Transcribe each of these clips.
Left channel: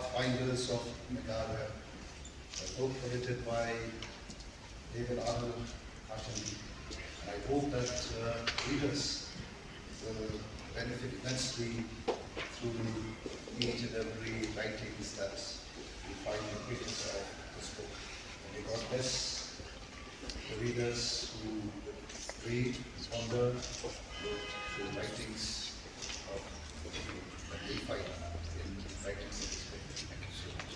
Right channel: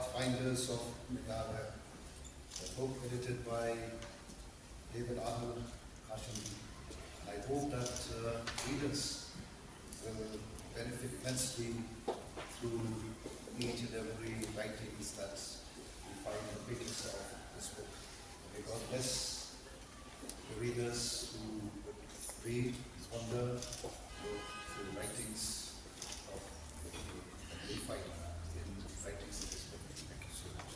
Pathfinders of Meghalaya, a book edited by David Arnold Hashemi. I hope that readers will benefit immensely through each and every writings that we find the pages of this book. And may God bless the readers who read, ponder, look through the writings of that we find in writings of this book. Thank you so much.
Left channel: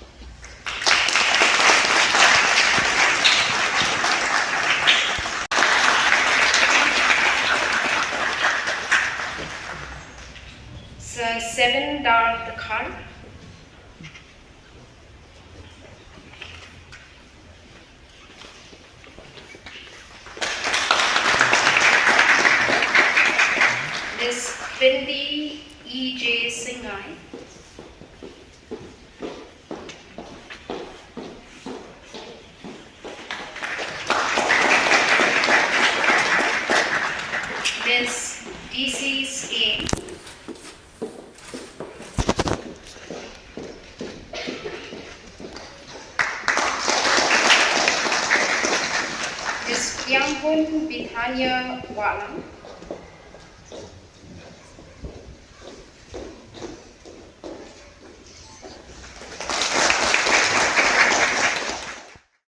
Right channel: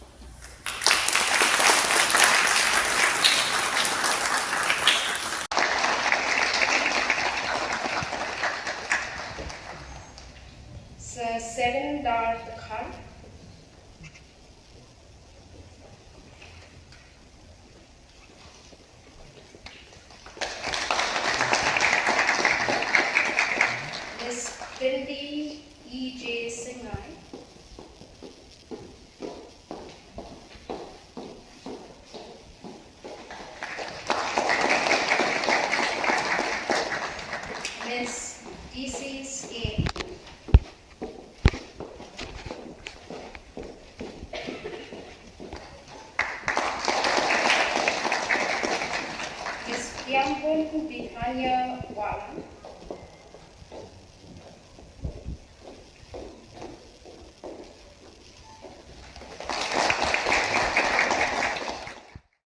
Sir Seven Dar Khan. Ms. Bindi E.J. Singhai. Ms. D.C. Skeen. Ms. Yangbun Bithania Walam.